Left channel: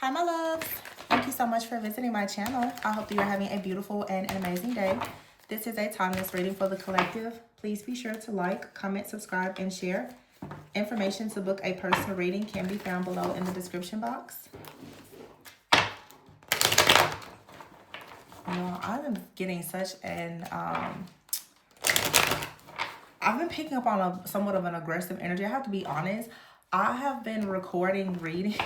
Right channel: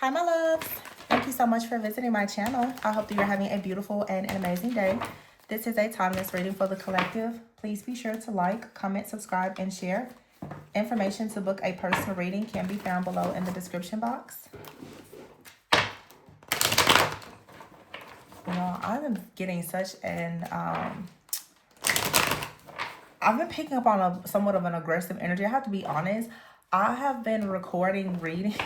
Hi, my loves. Thank you so much for visiting my channel. I hope that you're having a beautiful and an amazing day. This is a timeless reading for the collective. Please be sure to like, comment, subscribe, and share. Information to book a personal reading can be found below in the description box. You know, I've been getting such an, I've been picking up on somewhat of an aggressive energy. I have to be honest. I have been recording readings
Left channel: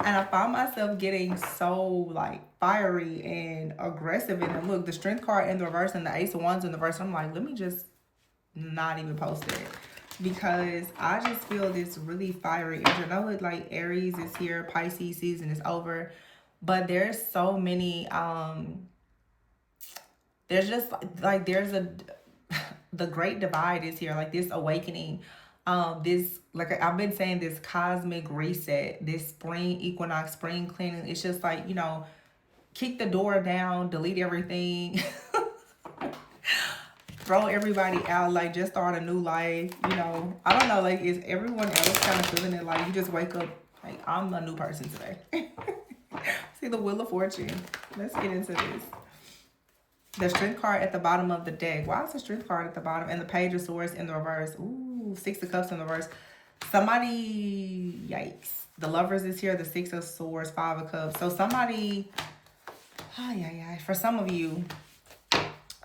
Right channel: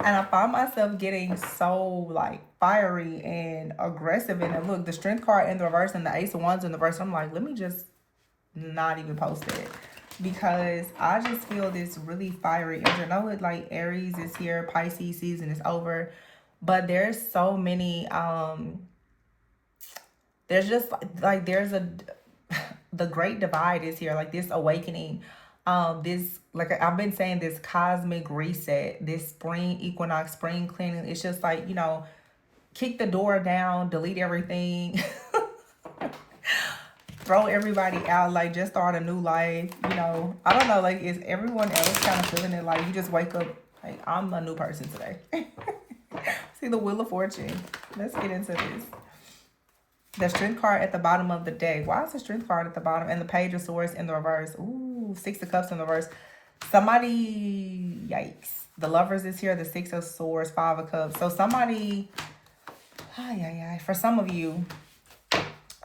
and I find myself getting so like fiery and aggressive. And then look, the strength card in the reverse and the ace of wands in the reverse. I'm like, let me just not even post it because I just feel this really fiery energy. I know it like Aries is here, Pisces season is over, but there's so many there's just like there's a the great divide is here, like this awakening, this, like I've been saying, this cosmic reset, this spring equinox, spring cleaning. It's just like, you know, kick the door down, delete everything, throw everybody out, like just start a new life. You know, I don't know, like is everyone else kind of feeling it, like you just wake up like I'm a new person today? See the Wheel of Fortune. Let's get into this. The Strength card at the bottom of the deck. Why is the Strength card at the bottom? And the Page of Swords in the reverse. Ooh, Six of Cups in the reverse. Somebody, yikes. The Lovers is here. The Six of Swords, Five of Cups. So somebody, for some of you,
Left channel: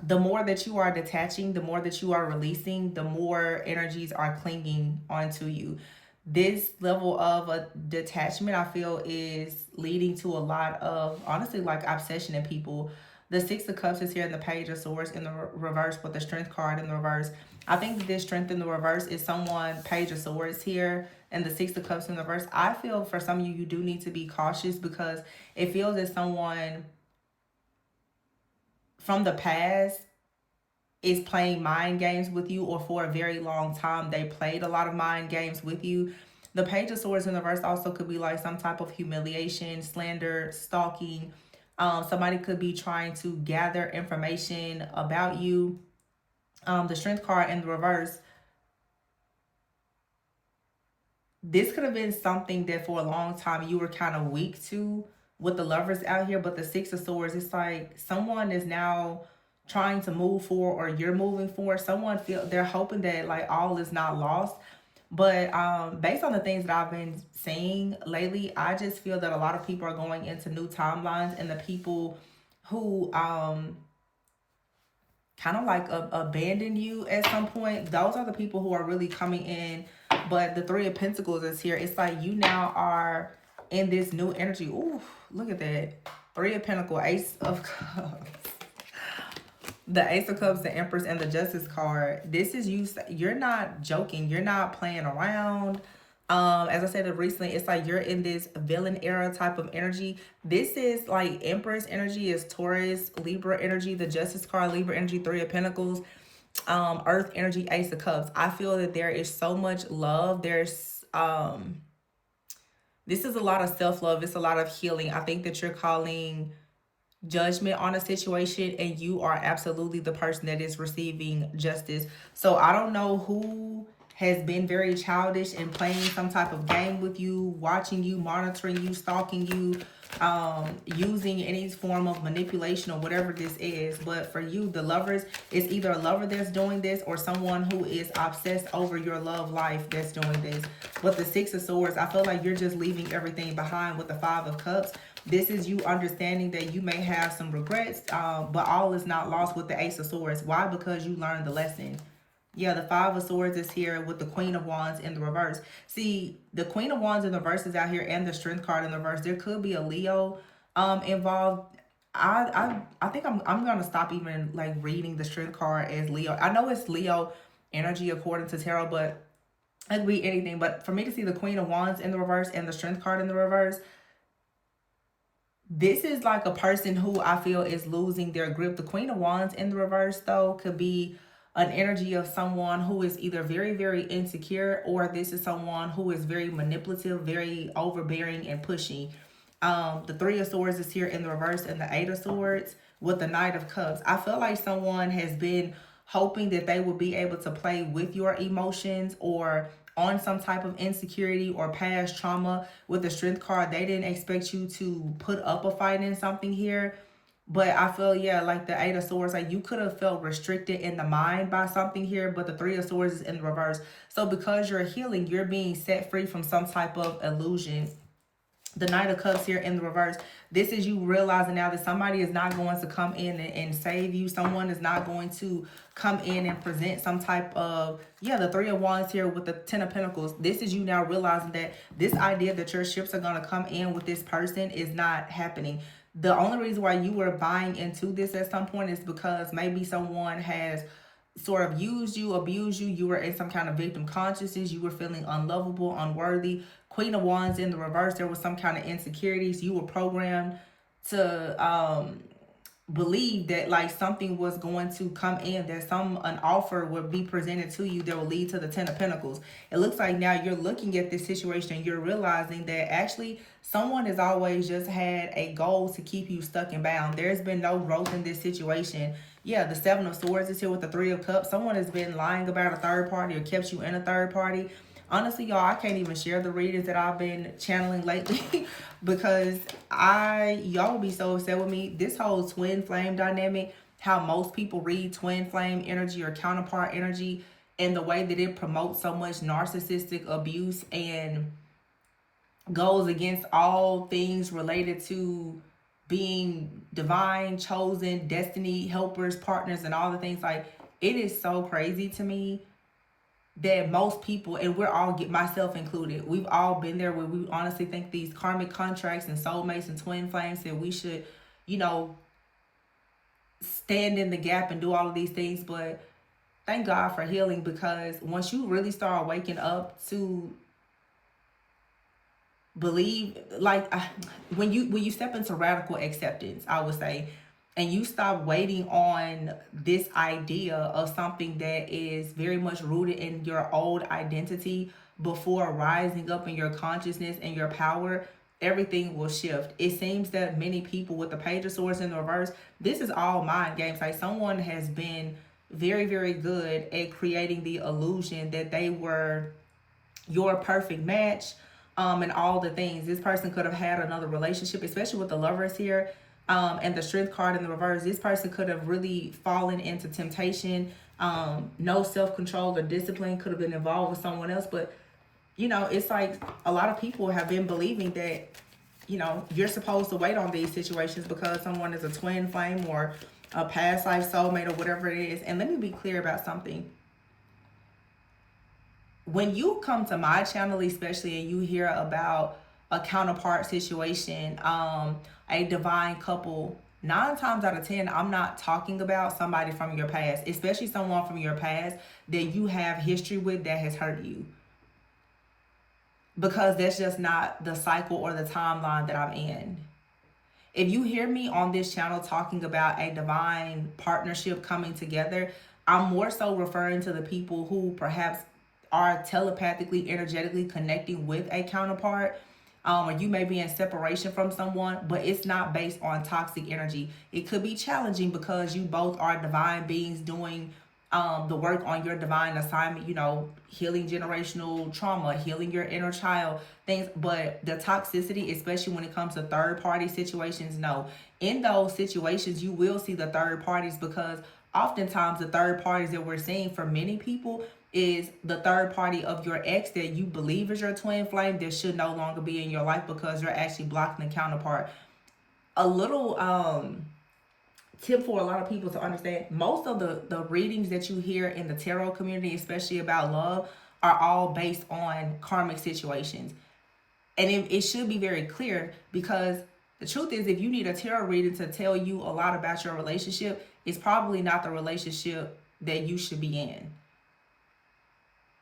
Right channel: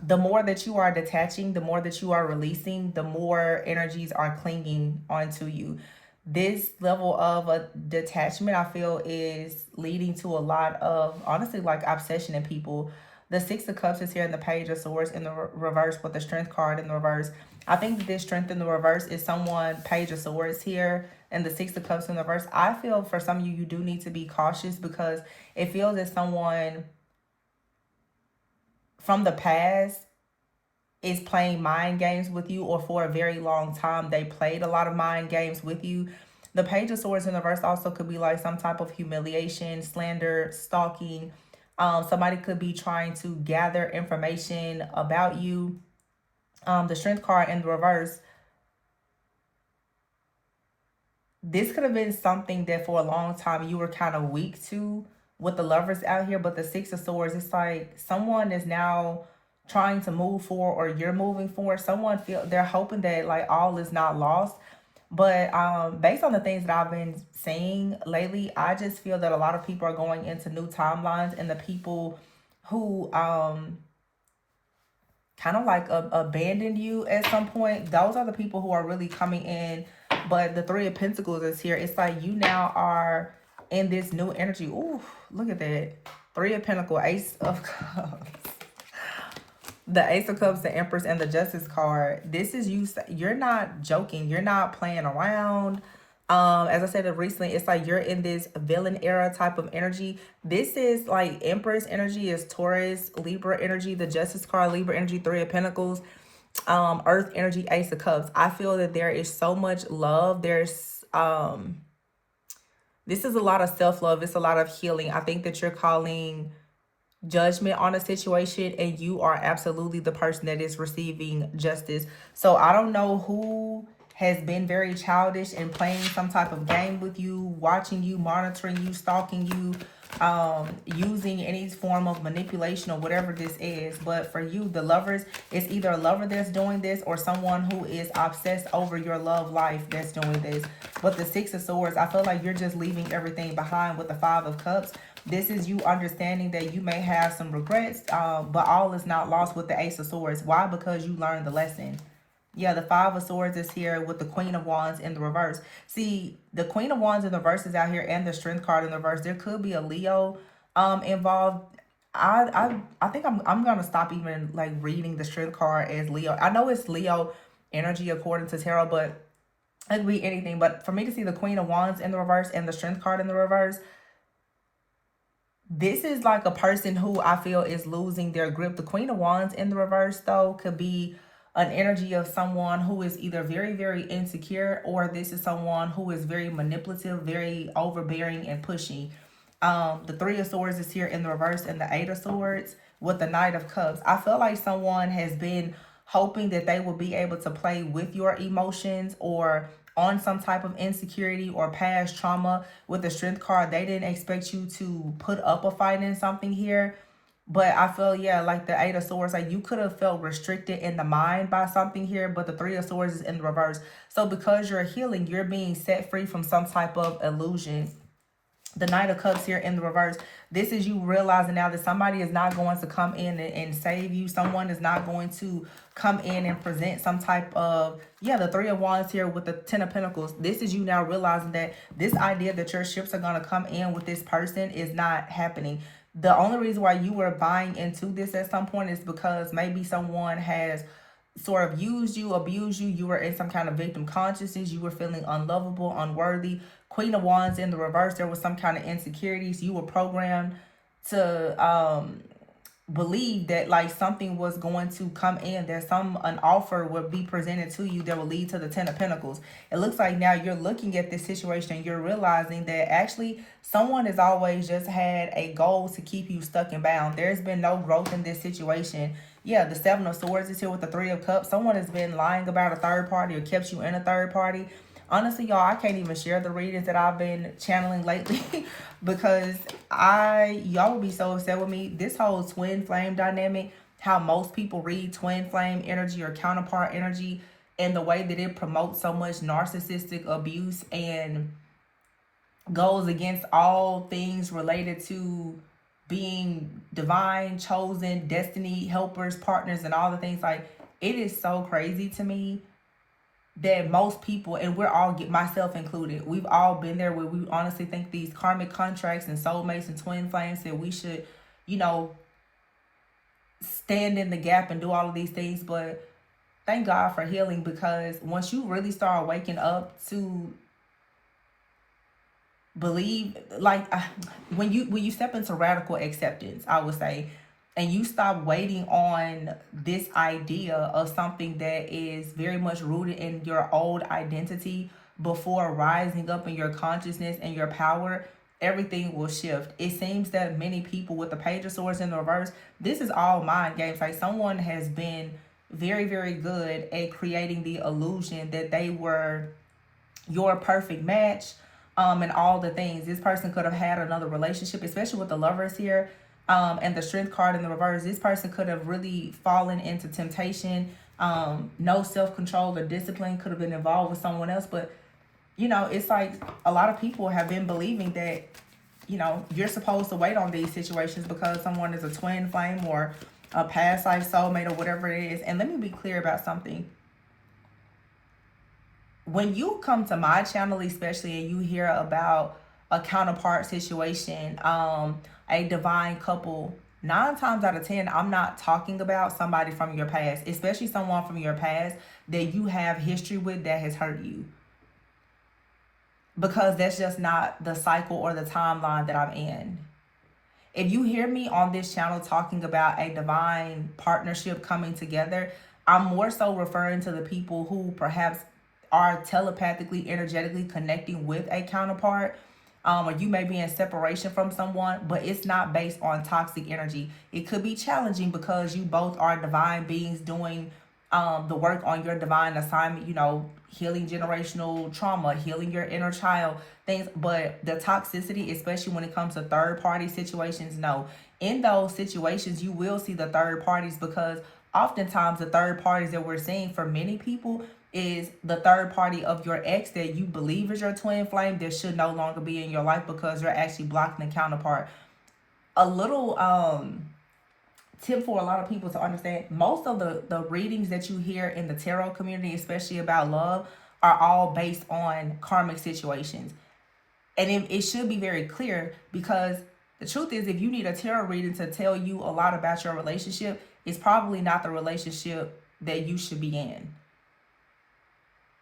the more that you are detaching, the more that you are releasing, the more energies are clinging onto you. This level of a detachment, I feel, is leading to a lot of, honestly, like obsession in people. The Six of Cups is here, and the Page of Swords in the reverse with the Strength card in the reverse. I think this Strength in the reverse is someone, Page of Swords here, and the Six of Cups in the reverse. I feel for some of you, you do need to be cautious because it feels that someone from the past is playing mind games with you, or for a very long time they played a lot of mind games with you. The Page of Swords in the reverse also could be like some type of humiliation, slander, stalking. Somebody could be trying to gather information about you. The Strength card in the reverse. This could have been something that for a long time you were kind of weak to with the Lovers out here. But the Six of Swords, it's like someone is now trying to move forward, or you're moving forward. Someone they're hoping that like all is not lost. But based on the things that I've been seeing lately, I just feel that a lot of people are going into new timelines, and the people who kind of like abandoned you at some point, those are the people who are really coming in. But the Three of Pentacles is here. It's like you now are in this new energy. Ooh, look at that. Three of Pentacles, Ace of Cups. The Ace of Cups, the Empress, and the Justice card. This is you. You're not joking. You're not playing around. As I said recently, it's like you're in this villain era type of energy. This is like Empress energy is Taurus, Libra energy. The Justice card, Libra energy, Three of Pentacles. Earth energy, Ace of Cups. I feel that there is so much love. There's this is a lot of self-love. It's a lot of healing. I think that you're calling judgment on a situation, and you are absolutely the person that is receiving justice. So I don't know who has been very childish and playing some type of game with you, watching you, monitoring you, stalking you, using any form of manipulation or whatever this is. But for you, the Lovers, it's either a lover that's doing this or someone who is obsessed over your love life that's doing this. But the Six of Swords, I feel like you're just leaving everything behind with the Five of Cups. This is you understanding that you may have some regrets, but all is not lost with the Ace of Swords. Why? Because you learned the lesson. Yeah, the Five of Swords is here with the Queen of Wands in the reverse. See, the Queen of Wands in the reverse is out here, and the Strength card in the reverse. There could be a Leo involved. I think I'm gonna stop even like reading the Strength card as Leo. I know it's Leo energy according to tarot, but it could be anything. But for me to see the Queen of Wands in the reverse and the Strength card in the reverse, this is like a person who I feel is losing their grip. The Queen of Wands in the reverse, though, could be an energy of someone who is either very, very insecure, or this is someone who is very manipulative, very overbearing and pushy. The Three of Swords is here in the reverse, and the Eight of Swords with the Knight of Cups. I feel like someone has been hoping that they will be able to play with your emotions, or on some type of insecurity or past trauma. With the strength card, they didn't expect you to put up a fight in something here. But I feel, yeah, like the Eight of Swords, like you could have felt restricted in the mind by something here, but the Three of Swords is in the reverse. So because you're healing, you're being set free from some type of illusion. The Knight of Cups here in the reverse. This is you realizing now that somebody is not going to come in and save you. Someone is not going to come in and present some type of, yeah, the Three of Wands here with the Ten of Pentacles. This is you now realizing that this idea that your ships are going to come in with this person is not happening. The only reason why you were buying into this at some point is because maybe someone has sort of used you, abused you. You were in some kind of victim consciousness. You were feeling unlovable, unworthy. Queen of Wands in the reverse, there was some kind of insecurities. You were programmed to believe that like something was going to come in, that an offer would be presented to you that will lead to the Ten of Pentacles. It looks like now you're looking at this situation and you're realizing that actually someone has always just had a goal to keep you stuck and bound. There's been no growth in this situation. Yeah, the Seven of Swords is here with the Three of Cups. Someone has been lying about a third party or kept you in a third party. Honestly, y'all, I can't even share the readings that I've been channeling lately because y'all would be so upset with me. This whole twin flame dynamic, how most people read twin flame energy or counterpart energy, and the way that it promotes so much narcissistic abuse and goes against all things related to being divine, chosen, destiny, helpers, partners, and all the things. Like, it is so crazy to me that most people, and we're all, myself included, we've all been there where we honestly think these karmic contracts and soulmates and twin flames, that we should, you know, stand in the gap and do all of these things. But thank God for healing, because once you really start waking up to believe, like, when you step into radical acceptance, I would say, and you stop waiting on this idea of something that is very much rooted in your old identity before rising up in your consciousness and your power, everything will shift. It seems that many people with the Page of Swords in the reverse, this is all mind games. Like, someone has been very, very good at creating the illusion that they were your perfect match, and all the things. This person could have had another relationship, especially with the Lovers here, and the Strength card in the reverse. This person could have really fallen into temptation. No self-control or discipline, could have been involved with someone else. But, you know, it's like a lot of people have been believing that, you know, you're supposed to wait on these situations because someone is a twin flame or a past life soulmate or whatever it is. And let me be clear about something. When you come to my channel, especially, and you hear about a counterpart situation, a divine couple, 9 times out of 10, I'm not talking about somebody from your past, especially someone from your past that you have history with that has hurt you. Because that's just not the cycle or the timeline that I'm in. If you hear me on this channel talking about a divine partnership coming together, I'm more so referring to the people who perhaps are telepathically, energetically connecting with a counterpart. Or you may be in separation from someone, but it's not based on toxic energy. It could be challenging because you both are divine beings doing the work on your divine assignment, you know, healing generational trauma, healing your inner child, things. But the toxicity, especially when it comes to third party situations, no. In those situations, you will see the third parties, because oftentimes the third parties that we're seeing for many people is the third party of your ex that you believe is your twin flame that should no longer be in your life because you're actually blocking the counterpart. A little tip for a lot of people to understand: most of the readings that you hear in the tarot community, especially about love, are all based on karmic situations. And it should be very clear, because the truth is, if you need a tarot reading to tell you a lot about your relationship, it's probably not the relationship that you should be in.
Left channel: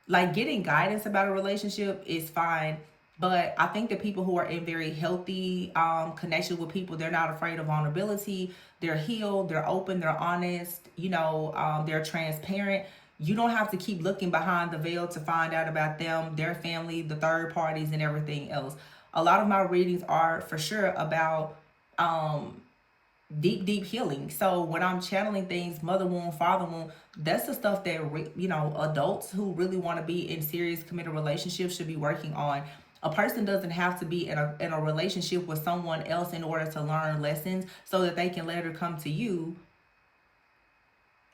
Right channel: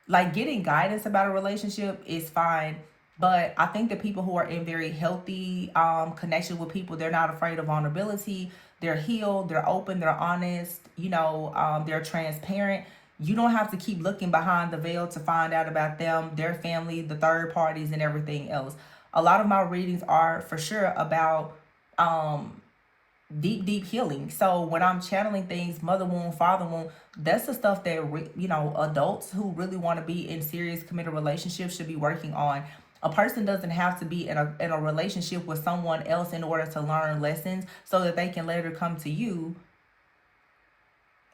Like, getting guidance about a relationship is fine, but I think the people who are in very healthy connection with people, they're not afraid of vulnerability. They're healed, they're open, they're honest, you know, they're transparent. You don't have to keep looking behind the veil to find out about them, their family, the third parties, and everything else. A lot of my readings are for sure about deep, deep healing. So when I'm channeling things, mother wound, father wound, that's the stuff that, adults who really want to be in serious committed relationships should be working on. A person doesn't have to be in a relationship with someone else in order to learn lessons so that they can later come to you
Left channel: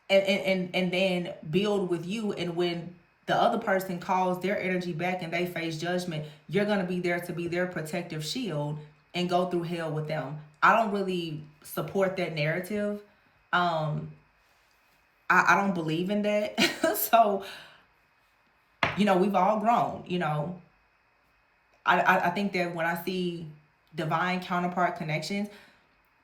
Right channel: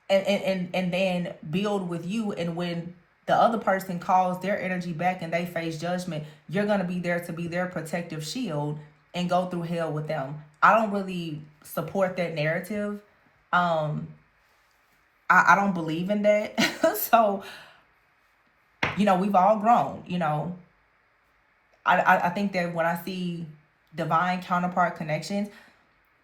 and then build with you. And when the other person calls their energy back and they face judgment, you're going to be there to be their protective shield and go through hell with them. I don't really support that narrative. um I don't believe in that. So we've all grown. I think that when I see divine counterpart connections,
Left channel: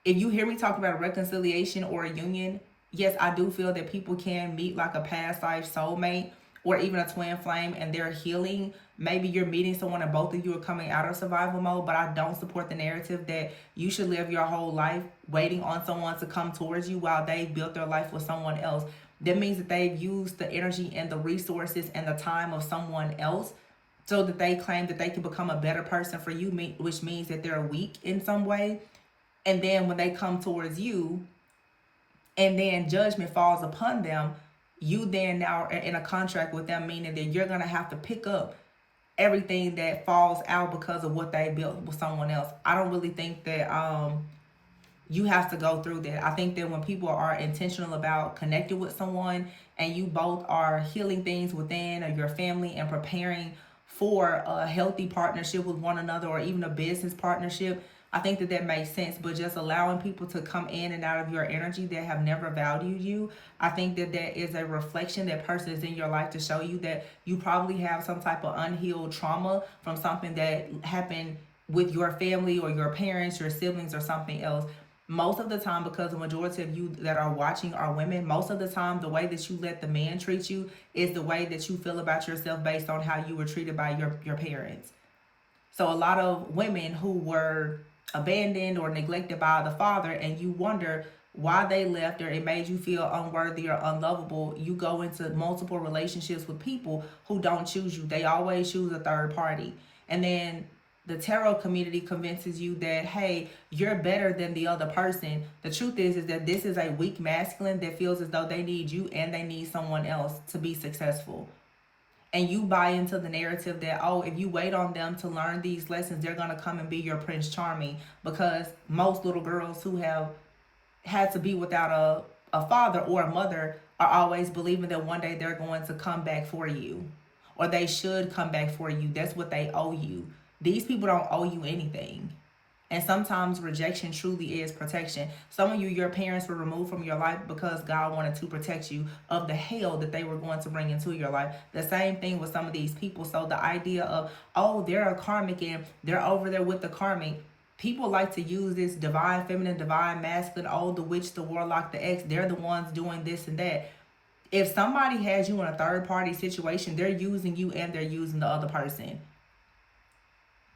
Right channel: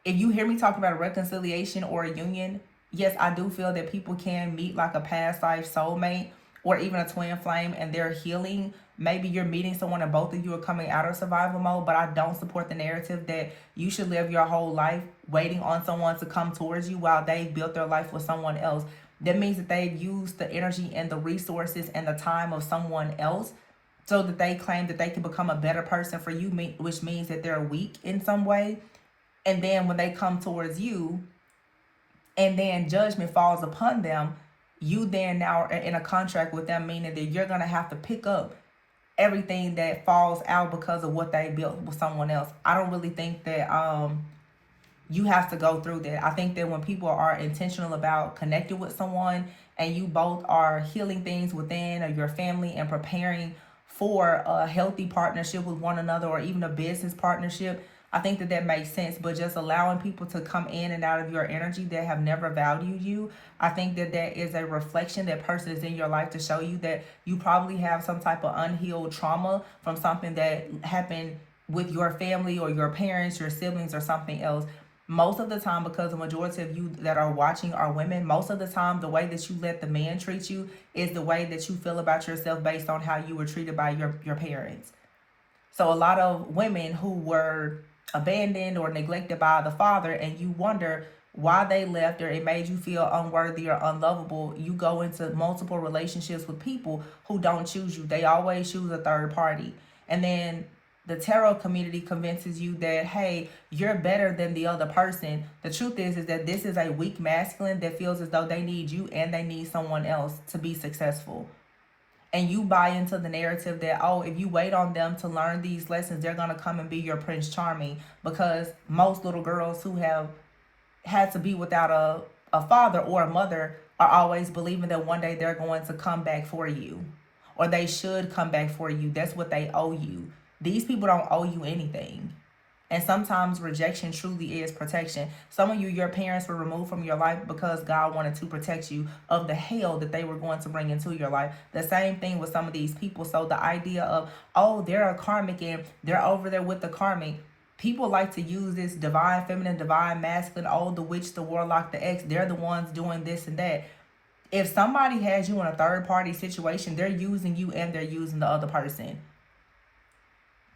if you hear me talk about a reconciliation or a union, yes, I do feel that people can meet like a past life soulmate or even a twin flame and they're healing. Maybe you're meeting someone and both of you are coming out of survival mode, but I don't support the narrative that you should live your whole life waiting on someone to come towards you while they've built their life with someone else. That means that they've used the energy and the resources and the time of someone else so that they claim that they can become a better person for you, which means that they're weak in some way. And then when they come towards you and then judgment falls upon them, you then now are in a contract with them, meaning that you're going to have to pick up everything that falls out because of what they built with someone else. I don't really think that you have to go through that. I think that when people are intentional about connecting with someone and you both are healing things within or your family and preparing for a healthy partnership with one another or even a business partnership, I think that that makes sense. But just allowing people to come in and out of your energy that have never valued you, I think that that is a reflection. That person is in your life to show you that you probably have some type of unhealed trauma from something that happened with your family or your parents, your siblings, or something else. Most of the time, because the majority of you that are watching are women, most of the time the way that you let the man treat you is the way that you feel about yourself based on how you were treated by your parents. So a lot of women who were abandoned or neglected by the father, and you wonder why they left or it made you feel unworthy or unlovable, you go into multiple relationships with people who don't choose you. They always choose a third party. And then the tarot community convinces you that, hey, you're better than the other person. The truth is that this is a weak masculine that feels as though they need you and they need someone else to be successful. And you buy into the narrative that, oh, if you wait on them to learn these lessons, they're going to come and be your Prince Charming. Because most little girls who have had to be without a father or a mother are always believing that one day they're going to come back for you, or they should come back for you. That's what they owe you. These people don't owe you anything. And sometimes rejection truly is protection. Some of you, your parents were removed from your life because God wanted to protect you of the hell that they were going to bring into your life. The same thing with some of these people. So the idea of, oh, they're a karmic and they're over there with the karmic. People like to use this divine feminine, divine masculine, oh, the witch, the warlock, the ex, they're the ones doing this and that. If somebody has you in a third party situation, they're using you and they're using the other person.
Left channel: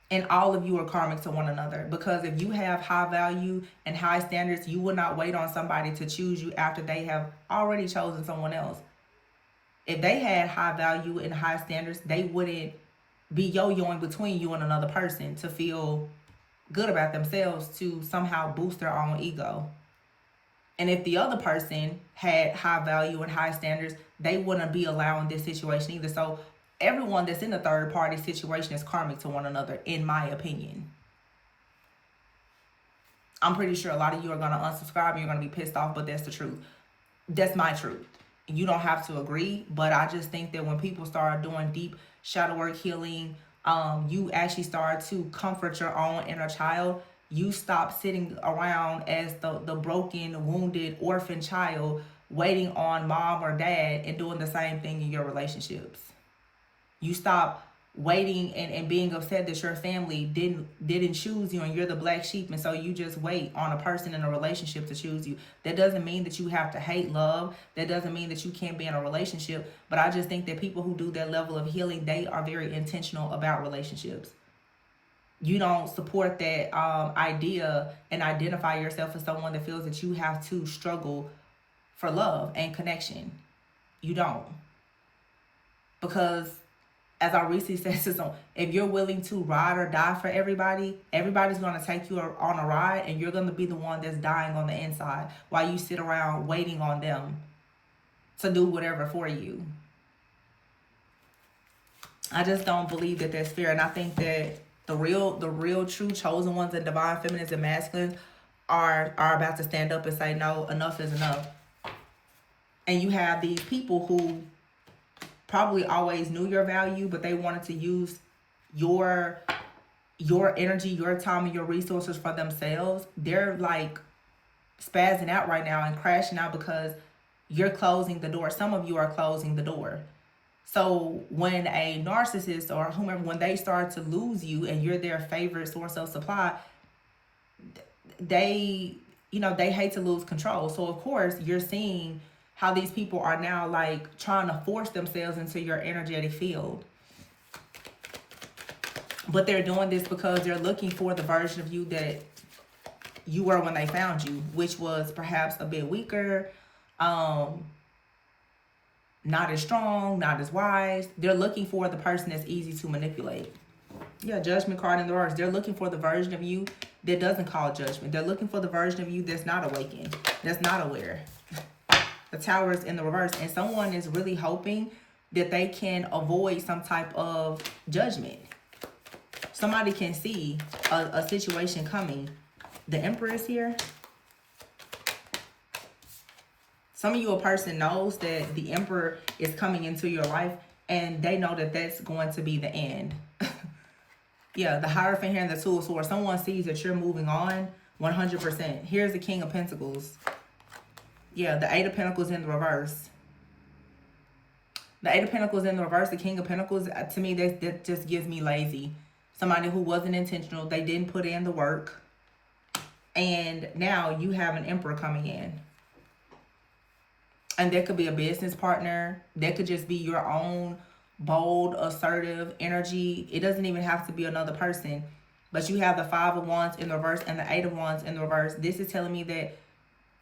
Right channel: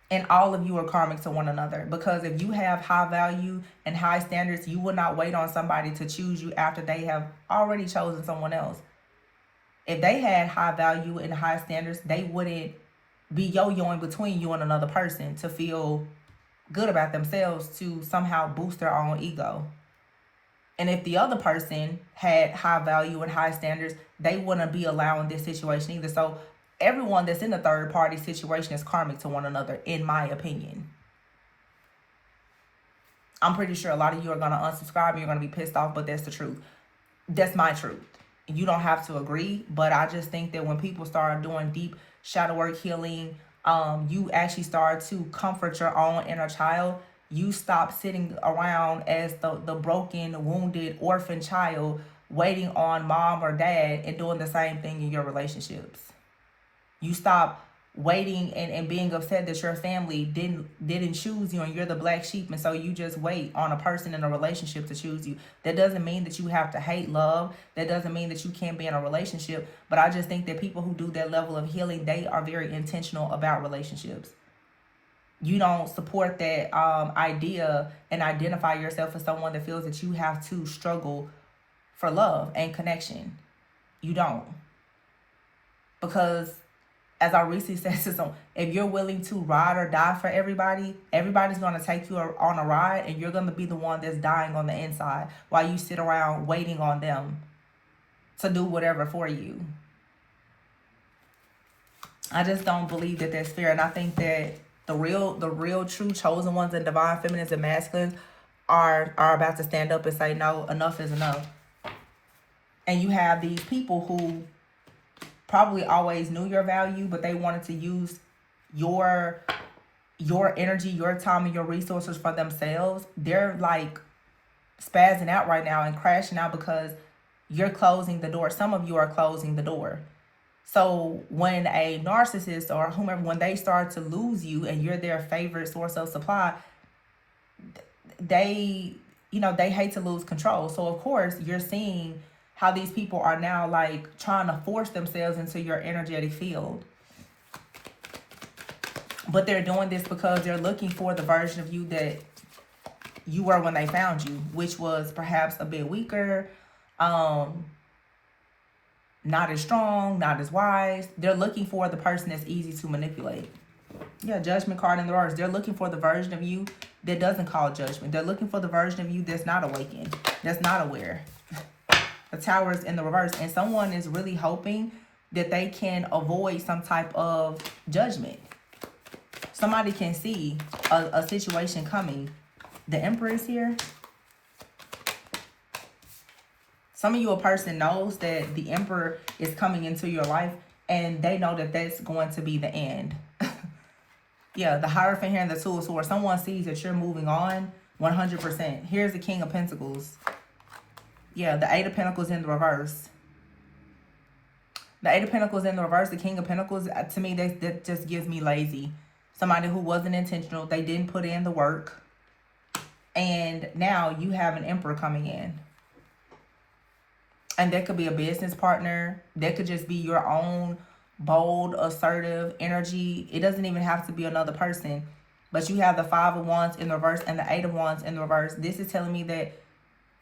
And all of you are karmic to one another, because if you have high value and high standards, you will not wait on somebody to choose you after they have already chosen someone else. If they had high value and high standards, they wouldn't be yo-yoing between you and another person to feel good about themselves to somehow boost their own ego. And if the other person had high value and high standards, they wouldn't be allowing this situation either. So everyone that's in the third party situation is karmic to one another, in my opinion. I'm pretty sure a lot of you are going to unsubscribe and you're going to be pissed off, but that's the truth. That's my truth. You don't have to agree, but I just think that when people start doing deep shadow work healing, you actually start to comfort your own inner child. You stop sitting around as the broken, wounded, orphan child waiting on mom or dad and doing the same thing in your relationships. You stop waiting and being upset that your family didn't choose you and you're the black sheep, and so you just wait on a person in a relationship to choose you. That doesn't mean that you have to hate love. That doesn't mean that you can't be in a relationship. But I just think that people who do that level of healing, they are very intentional about relationships. You don't support that idea and identify yourself as someone that feels that you have to struggle for love and connection. You don't. Because as I recently said to someone, if you're willing to ride or die for everybody, everybody's going to take you on a ride, and you're going to be the one that's dying on the inside while you sit around waiting on them to do whatever for you. I just don't believe that that's fair. And I think that the real true chosen ones and divine feminines and masculines are about to stand up and say, no, enough is enough. And you have these people who probably always knew your value, but they wanted to use your energy, your time, and your resources for themselves. They're like spazzing out right now and crashing out because you're closing the door. Some of you are closing the door. So when a narcissist or whomever, when they start to lose you and you're their favorite source of supply, they hate to lose control. So of course you're seeing how these people are now like trying to force themselves into your energetic field. But they're doing this because they're looking for the version of you that you were when they found you, which was perhaps a bit weaker, not as strong, not as wise. They're looking for the person that's easy to manipulate. Yeah, judgment card in the reverse. They're looking for the version of you that doesn't call judgment. They're looking for the version of you that's not awakened, that's not aware. The Tower is in the reverse, and someone is really hoping that they can avoid some type of judgment. Somebody can see a situation coming. The Emperor is here. Some of you, a person knows that the Emperor is coming into your life, and they know that that's going to be the end. Yeah, the Hierophant here and the Two of Swords. Someone sees that you're moving on 100%. Here's the King of Pentacles. Yeah, the Eight of Pentacles in the reverse. The Eight of Pentacles in the reverse, the King of Pentacles, to me, that just gives me lazy. Somebody who wasn't intentional. They didn't put in the work. And now you have an Emperor coming in. And that could be a business partner. That could just be your own bold, assertive energy. It doesn't even have to be another person. But you have the Five of Wands in the reverse and the Eight of Wands in the reverse. This is telling me that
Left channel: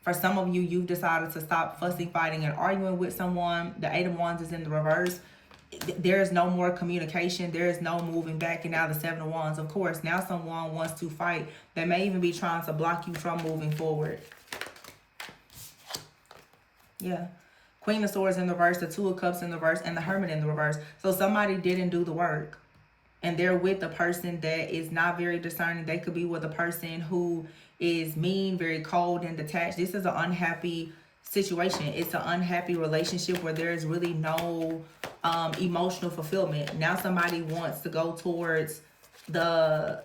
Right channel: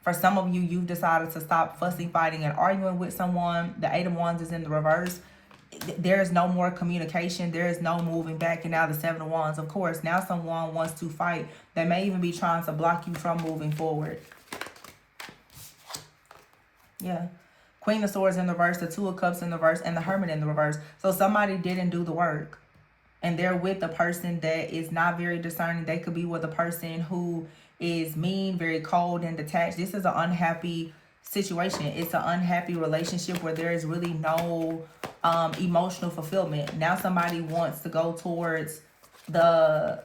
for some of you, you've decided to stop fussing, fighting, and arguing with someone. The Eight of Wands is in the reverse. There is no more communication. There is no moving back. And now the Seven of Wands. Of course, now someone wants to fight. They may even be trying to block you from moving forward. Yeah. Queen of Swords in the reverse, the Two of Cups in the reverse, and the Hermit in the reverse. So somebody didn't do the work. And they're with a person that is not very discerning. They could be with a person who is mean, very cold and detached. This is an unhappy situation. It's an unhappy relationship where there is really no emotional fulfillment. Now somebody wants to go towards the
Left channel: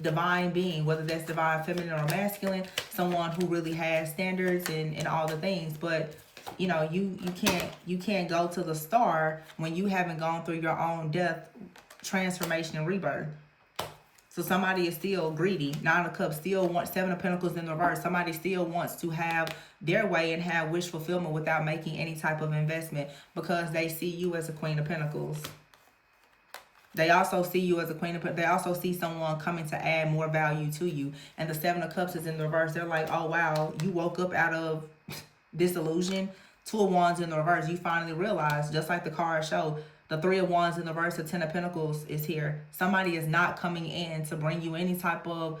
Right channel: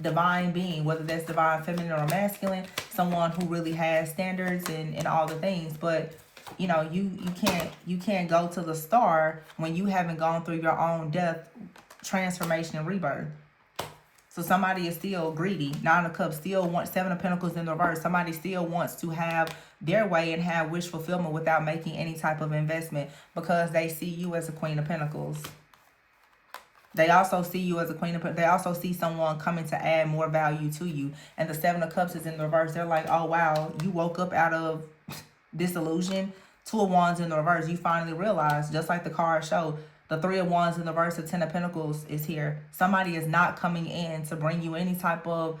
divine being, whether that's divine feminine or masculine, someone who really has standards and all the things. But you know, you can't go to the star when you haven't gone through your own death, transformation, and rebirth. So somebody is still greedy. Nine of Cups still wants, Seven of Pentacles in the reverse. Somebody still wants to have their way and have wish fulfillment without making any type of investment because they see you as a Queen of Pentacles. They also see you as a Queen of Pentacles. They also see someone coming to add more value to you. And the Seven of Cups is in the reverse. They're like, oh, wow, you woke up out of disillusion. Two of Wands in the reverse. You finally realize, just like the card show, the Three of Wands in the reverse, the Ten of Pentacles is here. Somebody is not coming in to bring you any type of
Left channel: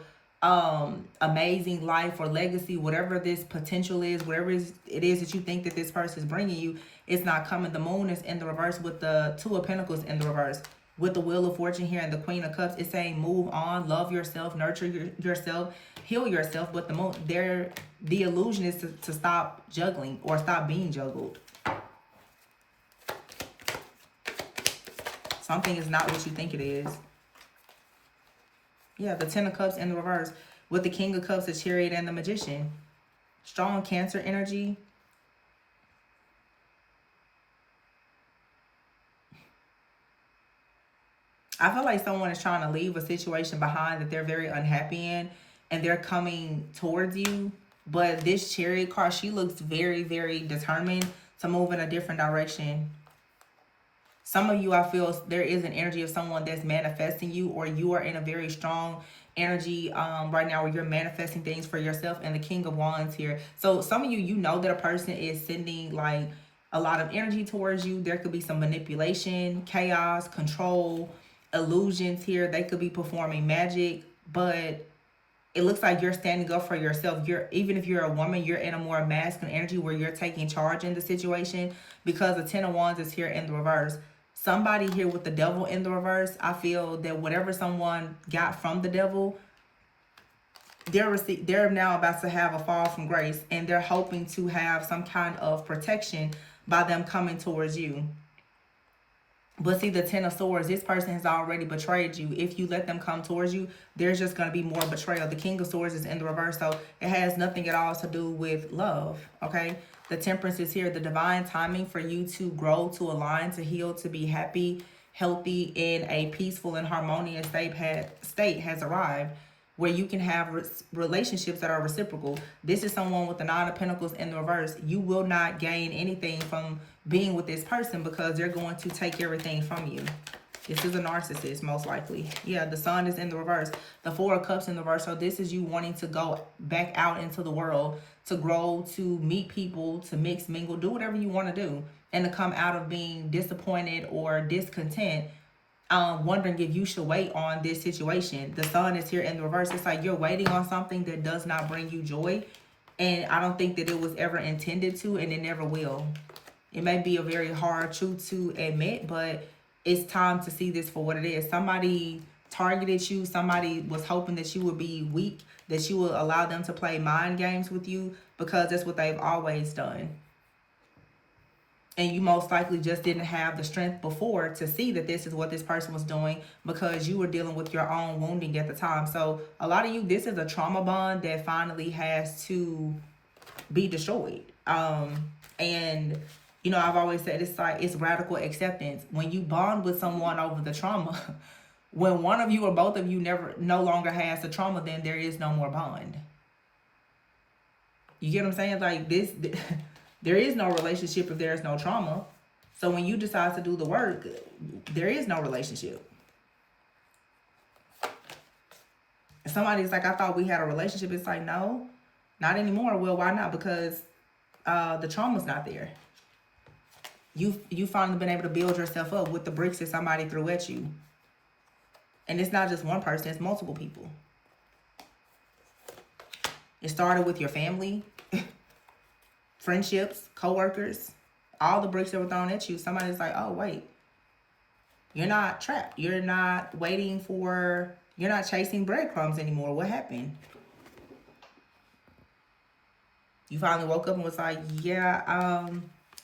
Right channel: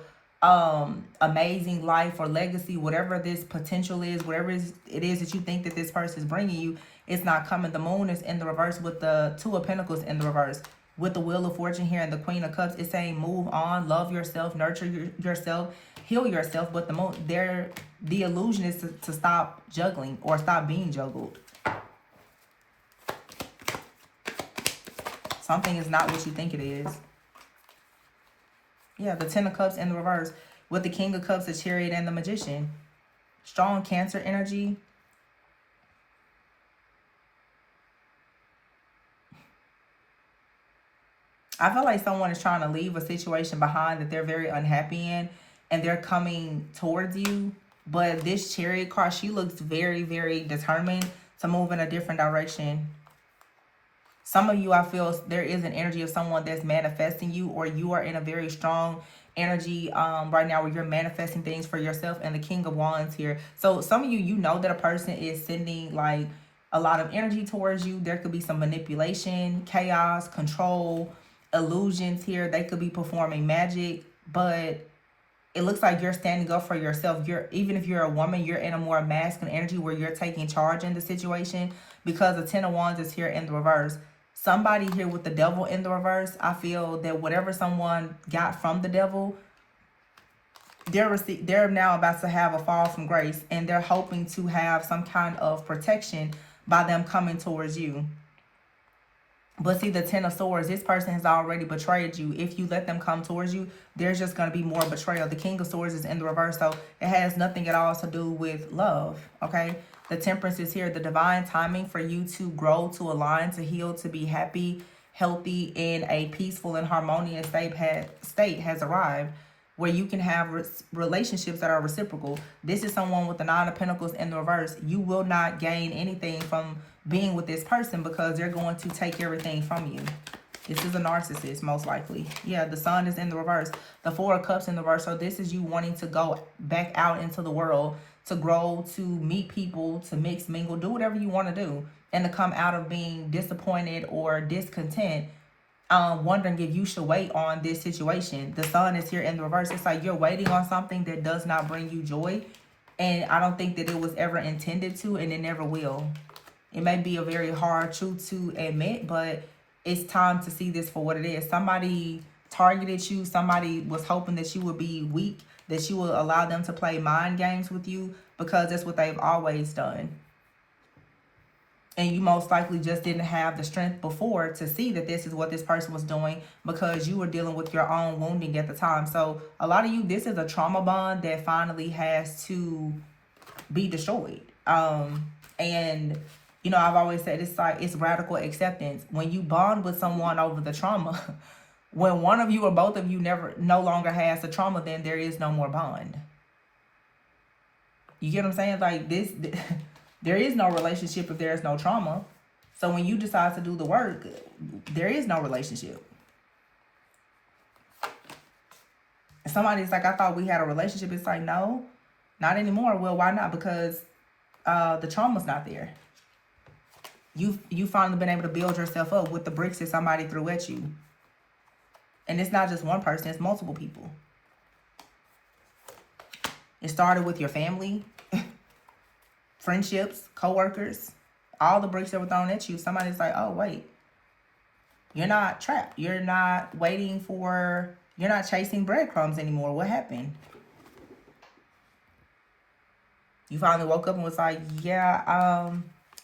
amazing life or legacy, whatever this potential is, whatever it is that you think that this person is bringing you, it's not coming. The Moon is in the reverse with the Two of Pentacles in the reverse. With the Wheel of Fortune here and the Queen of Cups, it's saying move on, love yourself, nurture yourself, heal yourself. But the Moon, the illusion is to stop juggling or stop being juggled. Something is not what you think it is. Yeah, the Ten of Cups in the reverse with the King of Cups, the Chariot, and the Magician. Strong Cancer energy. I feel like someone is trying to leave a situation behind that they're very unhappy in, and they're coming towards you. But this Chariot card, she looks very, very determined to move in a different direction. Some of you, I feel there is an energy of someone that's manifesting you, or you are in a very strong energy right now where you're manifesting things for yourself, and the King of Wands here. So some of you, you know that a person is sending like a lot of energy towards you. There could be some manipulation, chaos, control, illusions here. They could be performing magic, but it looks like you're standing up for yourself. You're, even if you're a woman, you're in a more masculine energy where you're taking charge in the situation, because the Ten of Wands is here in the reverse. Somebody here with the devil in the reverse, I feel that whatever someone got from the devil, they're now about to have a fall from grace, and they're hoping to have some kind of protection by them coming towards you. But see, the Ten of Swords, this person has already betrayed you. If you let them come towards you, there's just going to be more betrayal. The King of Swords is in the reverse, so it has nothing at all to do with love, okay? The Temperance is here. The divine timing for you to grow, to align, to heal, to be happy, healthy, in a peaceful and harmonious state has arrived, where you can have relationships that are reciprocal. This is someone with the Nine of Pentacles in the reverse. You will not gain anything from being with this person because they're going to take everything from you. This is a narcissist, most likely. Yeah, the Sun is in the reverse. The Four of Cups in the reverse. So this is you wanting to go back out into the world, to grow, to meet people, to mix, mingle, do whatever you want to do, and to come out of being disappointed or discontent, wondering if you should wait on this situation. The Sun is here in the reverse. It's like you're waiting on something that does not bring you joy, and I don't think that it was ever intended to, and it never will. It may be a very hard truth to admit, but it's time to see this for what it is. Somebody targeted you. Somebody was hoping that you would be weak, that you will allow them to play mind games with you, because that's what they've always done. And you most likely just didn't have the strength before to see that this is what this person was doing, because you were dealing with your own wounding at the time. So a lot of you, this is a trauma bond that finally has to be destroyed. And you know, I've always said it's like, it's radical acceptance. When you bond with someone over the trauma, when one of you or both of you no longer has the trauma, then there is no more bond. You get what I'm saying? Like this, there is no relationship if there is no trauma. So when you decide to do the work, there is no relationship. Somebody's like, I thought we had a relationship. It's like, no, not anymore. Well, why not? Because the trauma's not there. You finally been able to build yourself up with the bricks that somebody threw at you. And it's not just one person, it's multiple people. It started with your family, friendships, co-workers, all the bricks that were thrown at you. Somebody's like, oh, wait, you're not trapped. You're not you're not chasing breadcrumbs anymore. What happened? You finally woke up and was like, yeah,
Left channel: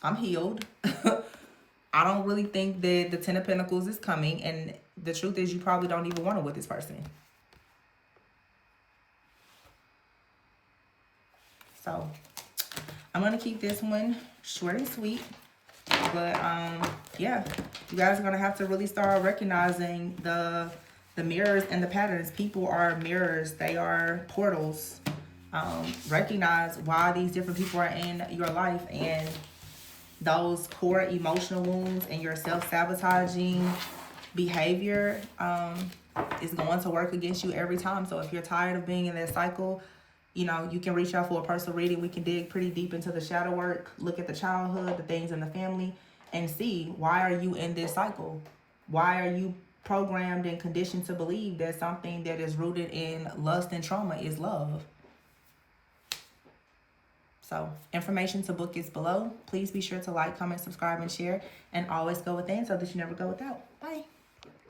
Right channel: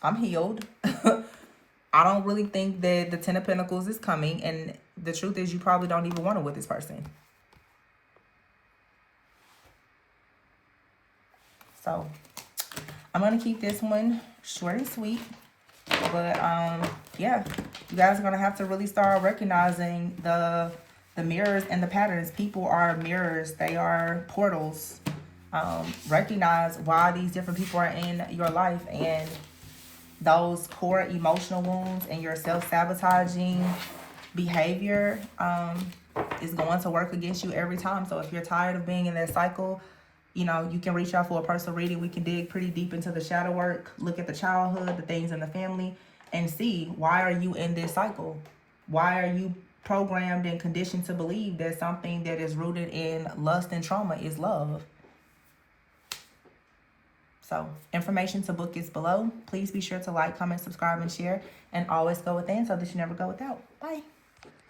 I'm healed. I don't really think that the Ten of Pentacles is coming. And the truth is, you probably don't even want to with this person. So I'm going to keep this one short and sweet. But yeah, you guys are going to have to really start recognizing the mirrors and the patterns. People are mirrors. They are portals. Recognize why these different people are in your life, and those core emotional wounds and your self-sabotaging behavior is going to work against you every time. So if you're tired of being in that cycle, you know, you can reach out for a personal reading. We can dig pretty deep into the shadow work, look at the childhood, the things in the family, and see, why are you in this cycle? Why are you programmed and conditioned to believe that something that is rooted in lust and trauma is love? So information to book is below. Please be sure to like, comment, subscribe, and share. And always go within so that you never go without. Bye.